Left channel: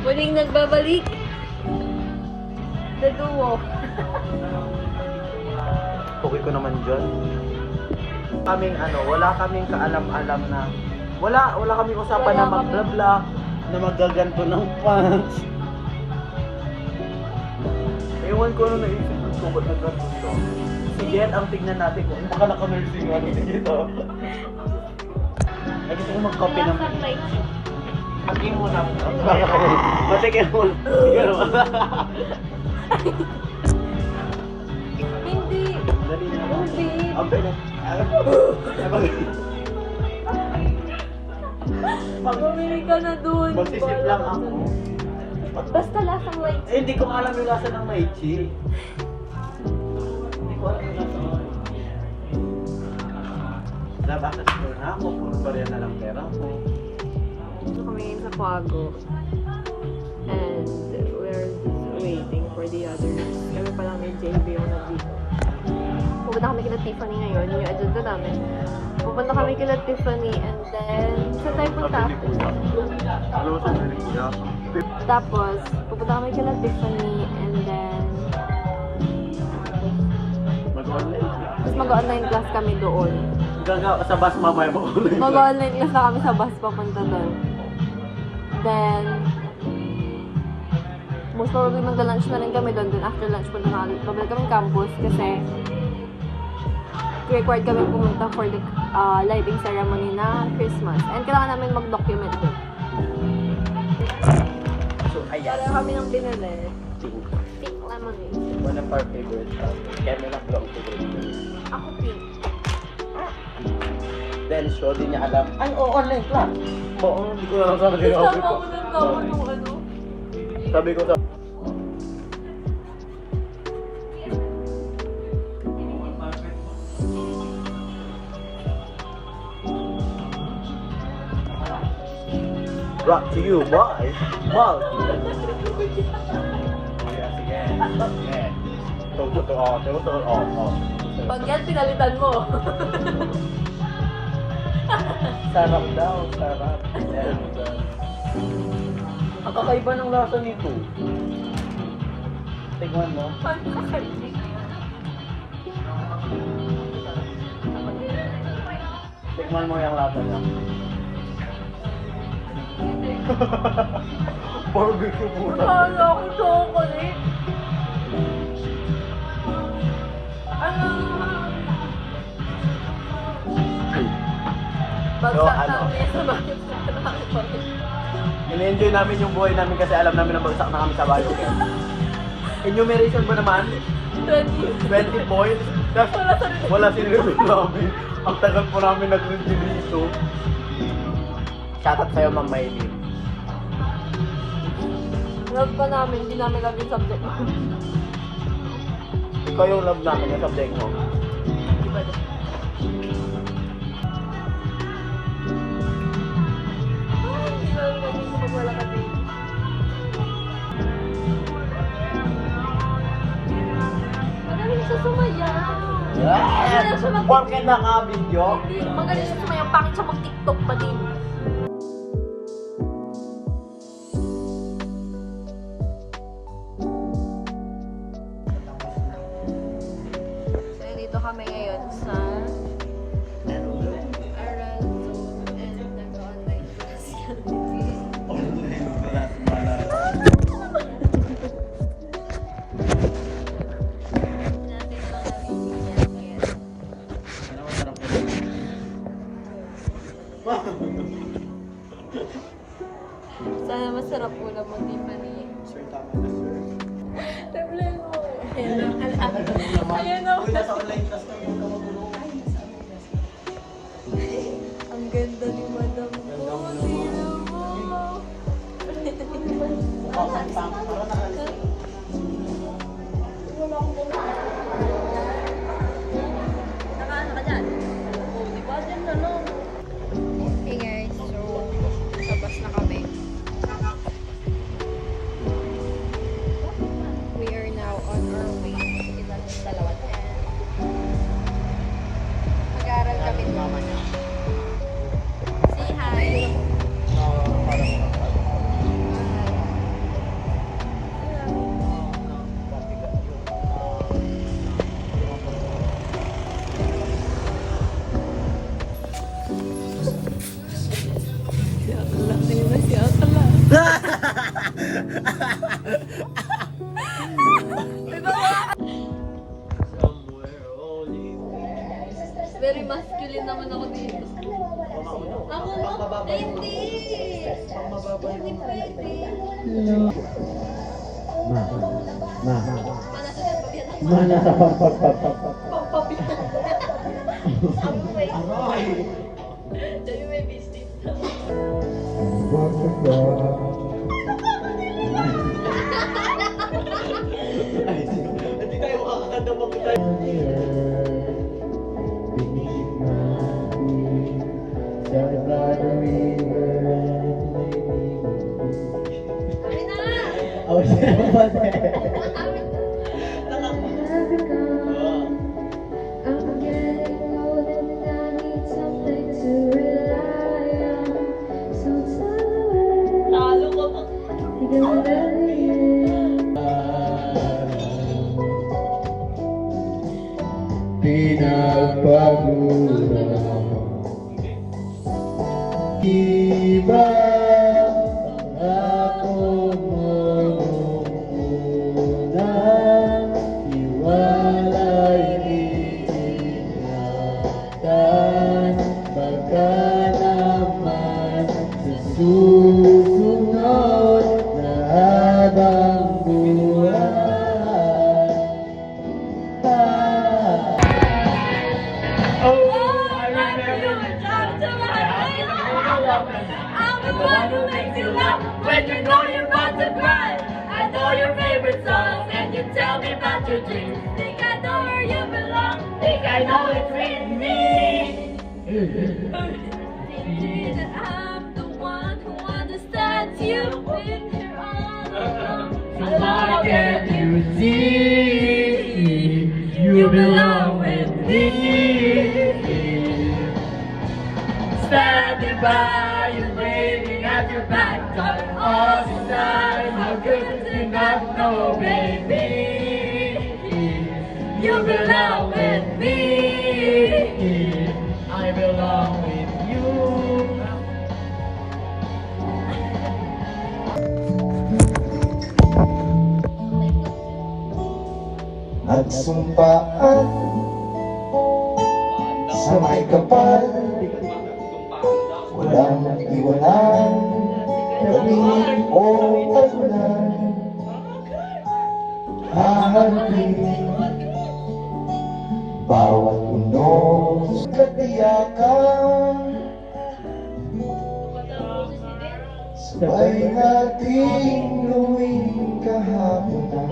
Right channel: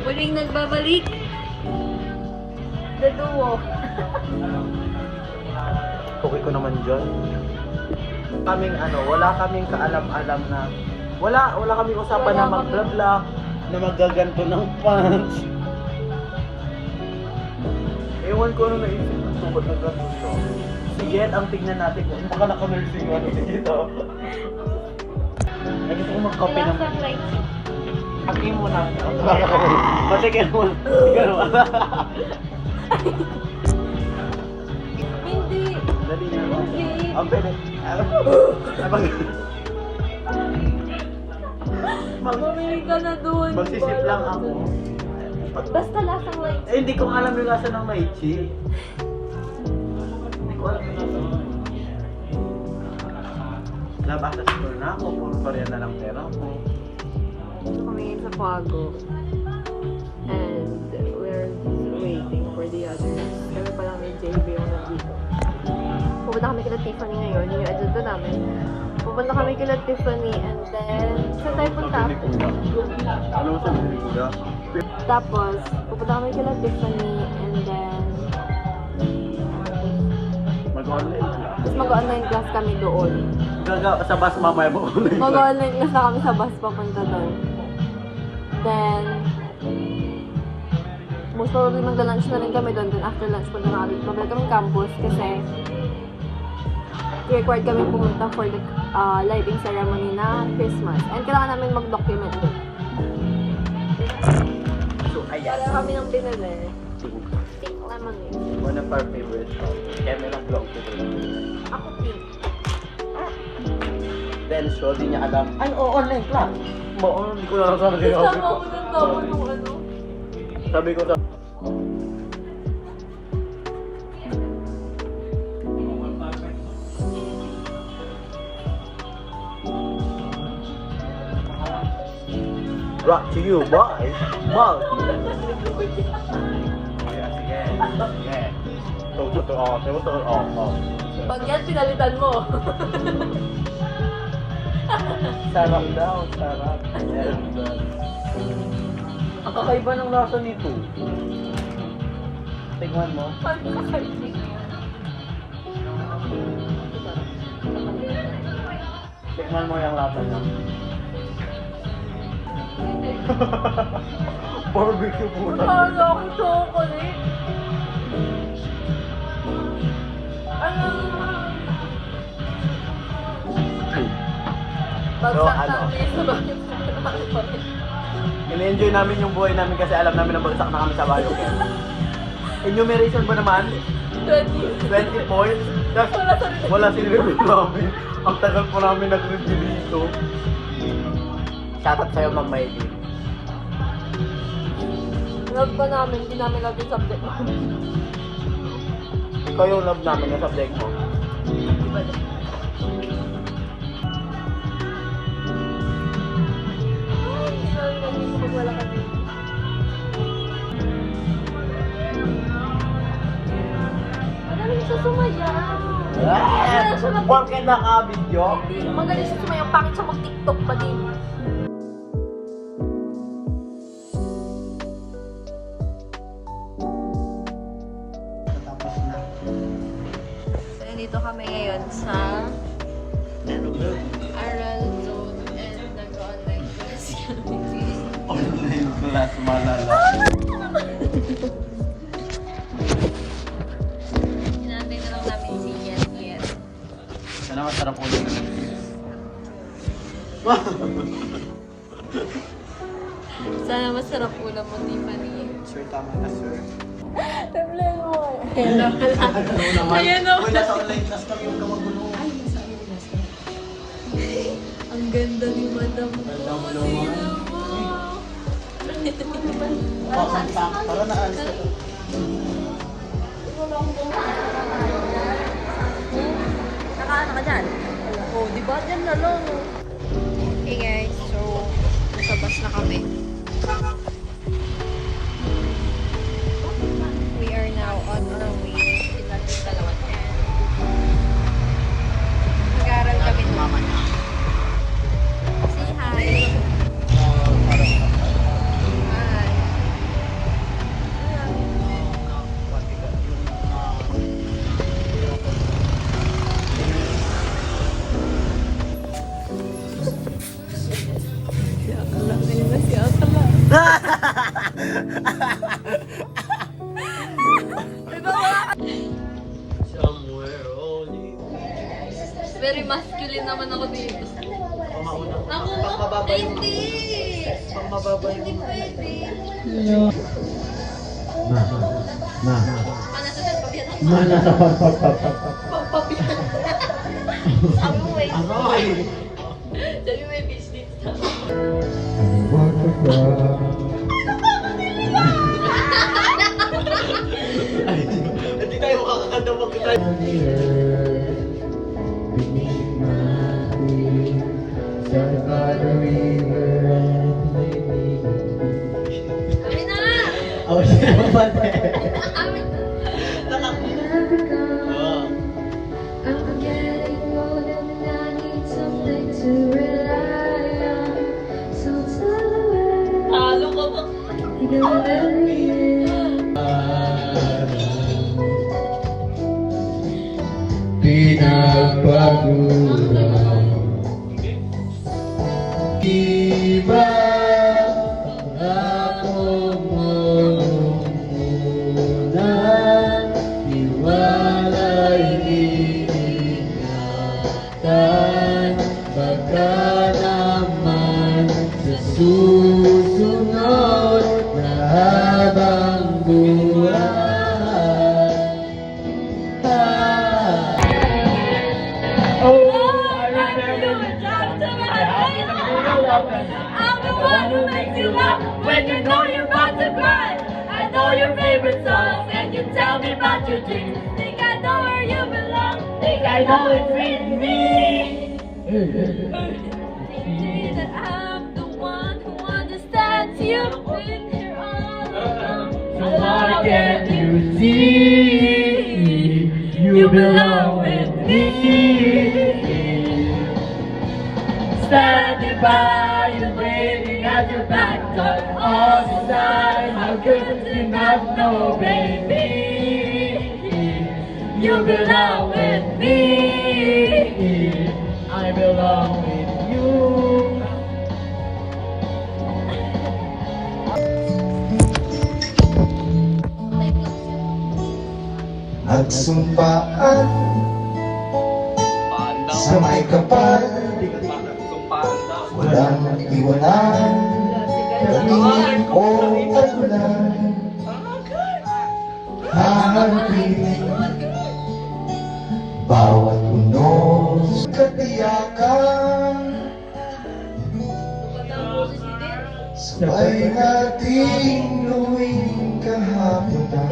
Muling nagbabalik. The duo. Okay ko naman dyan. Wala kaming kaalam-alam na wala kaming usapan na mag-bla-bla, na magaganto ng fans. Ewan ko ano naisip ko tungkol na ganto to. Sige, ang tignan natin kung baka naka-nursing ano dito. Ay, gusto ko mag-copy ng... Happy mo na. Sige mo. Hindi. Dali na. Hindi. Ang dali. Bumili ka na dun. Magsisip lang ako. Basta lasang light. Hindi ko alam yung lasa ng lychee. Hindi ko alam yung lasa ng lychee. Lab after store na ako, puro pa rin na lang pera ko. Dito kami ngayon sa Quago. And we're waiting for the others. Kami pa lang ni JB yung nandito. Pupunta kami kila Tiffany ngayon. Yun yung agenda namin. Pupunta kami kila Tiffany and then saan tayo punta? Ano sa Manila? Tapos, pupunta kami kila Tiffany and then Mag-online class. tapos mag-online class kami doon. Sa bus mamaya ba online class? Mag-online class na kami sa bus papunta doon. Then, most probably magla-lunch na rin kami doon. Then after lunch, punta na babalik kami campus kasi required kami pumunta for the lighting ceremony na Christmas. And kailangan namin mag-document doon. So, ayan. Para kami ng binili. Pink. Pink lemonade. One of our favorite colors. Kaya may lang blong favorite color. Ako pink. Then, so, di niya alam. Ay, oo, online class. Oo, hindi ko na sabi din ako. Gusto mo ng gawa nung ano? Sabi ko sa... Brought to you by Malt. Oh, yeah, sige. Sige. Pag yan, pinalitan mo. Sarap daw, sarap. And, ang kakaiba ng lasa nito. Tingnan mo. Paano kakainig? Tingnan mo yung lasa niya. Barbecue po Kala ko chocolate. Ano? Bagsak ano? kami sa bakit sa rin. In-enjoy namin yung buhay namin kasi alam namin na bagsak na kami sa Biochem. Enumeration ba naman? 20. 20 points? Just, wala sinireview namin. Ang tagal po namin nag-review dito. Shoutout sa'yo, Ma'am Maylin. Love pa namin, hindi namin love yung subject mo. Ikaw yung love namin, yung subject mo. Diba din? Ay, hindi ko rin naging kapag wala ka din. Magaling siya sumayaw. Magaling siya mag- Porke naka-video? Hindi, magaling siya sumayaw. Bakit siya mag-TikTok pa din? So, dito kami ngayon sa Aral Zone and nag-online class kami. Hinantay na lang namin si Yen. Sana masarap ko yun. Sana masarap ulam mo, Tiffany. Sir, tama na, sir. Problema. Hello. Ayan o. Uy, nasa online class kami yung kawagulo. Ang ganda ni Madam. Ganda mo naman. Para na. Nakaano ka dyan? Oh, di ba? Yan na lang. Hey guys, so nasa bus na kami. We are now on our way to Salon. Mag-aaral kami naman. Say hi. Hi. Hindi pwede. Sabi mo eh. Sabi mo eh, business. Hindi tayo makakakanta mo kita. Kami na! Oh, siya ba? Kami na! Oh. Talo ka ba? Pinagpagulang iba pangako mo nung una, iwalay iingatan, baka naman sa susunod na habang buhay. I'm the one who makes you laugh when you know you're about to cry. I know your favorite songs and you tell me about your dreams. Think I know where you belong. Think I know it's in me. That I'm the one who understands you when you're all alone. So why can't you see you belong with me? Standing by you, waiting at your back door all the time. How could you not know, baby? You belong with me. I belong with you. Nagsumpaan sa may kapal, walang iwanan, gabi o tagulan. Hahanapin bawat unos katiyakan, sabay nating gawing kahaponan.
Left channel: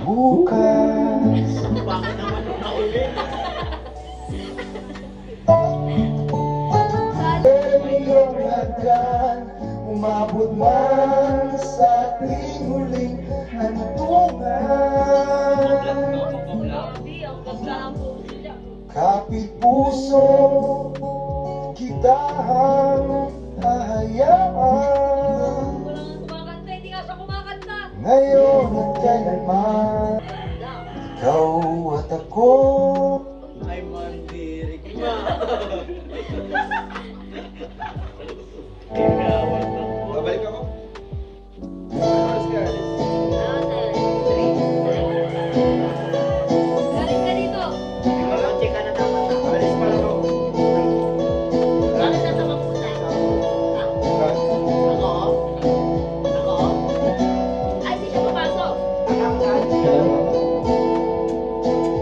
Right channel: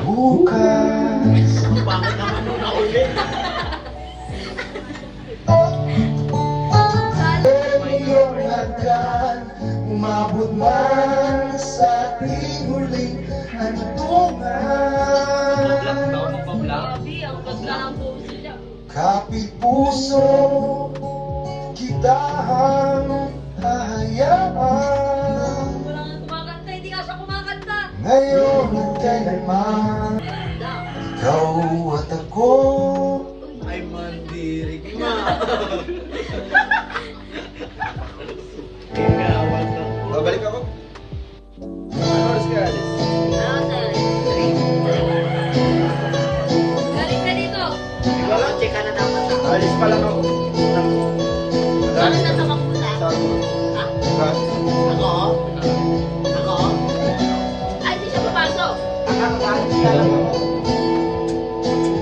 Bukas Bakit naman nung nauli? iyong hagdan, umabot man sa ating huling hantungan. Grabe, ang ganda ng buhok niya. Kapit puso kita ang hahayaan, Wala nga kumakanta, hindi ka siya kumakanta. ngayon at kailanman. Ikaw at ako, Ay, mandirig na. Ikawan to. Babalik ako. Ano oras ka alis? Ano sa'yo? Galing ka dito. Ikaw lang, check ka na dapat. Alis pa lang ako. Bakit nasa maputa? Ha? Ako? Ako? Ay, di siya papasok.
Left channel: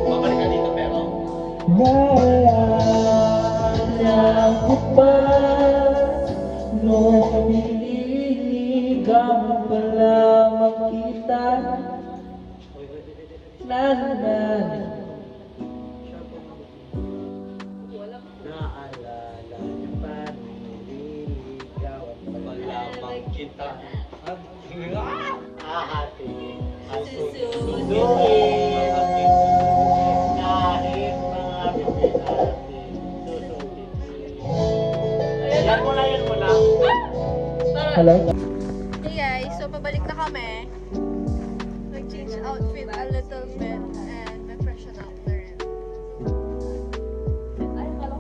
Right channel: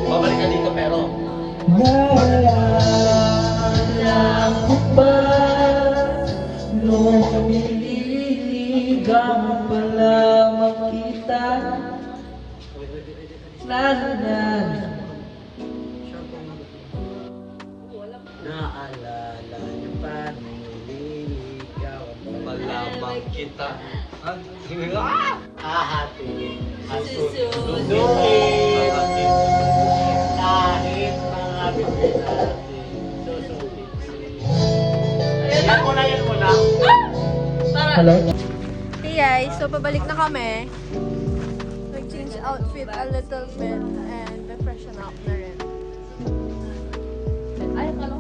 Babalik ka dito pero. Naalala ko ba nung kumililigaw pala makita? Naalala niyo pa nung nililigaw Malamang kita. ahati Susunod. kahit mga bibig natin susutin. Yan muna, yan muna. Para. Hey guys, so pabalik na kami. Nag-change outfit a little bit and na-freshen up na rin. Ay, ano?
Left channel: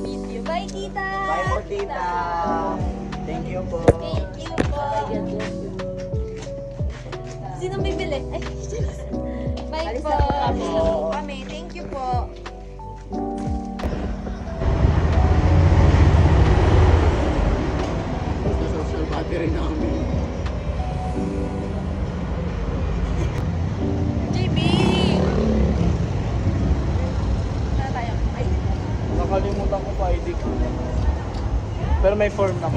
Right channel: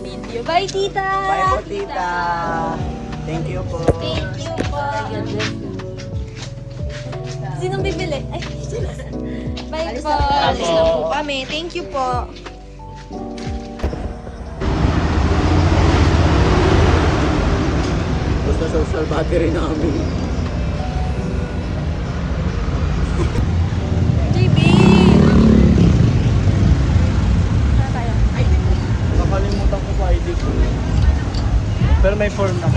Video. Bye, tita! Bye po, tita. Thank you po. Thank you po. Sinong bibili? Ay, bye po. Alis na po kami. Thank you po. social battery namin. JB! Saan tayo? Nakalimutan ko pa ID ko. Pero may form na.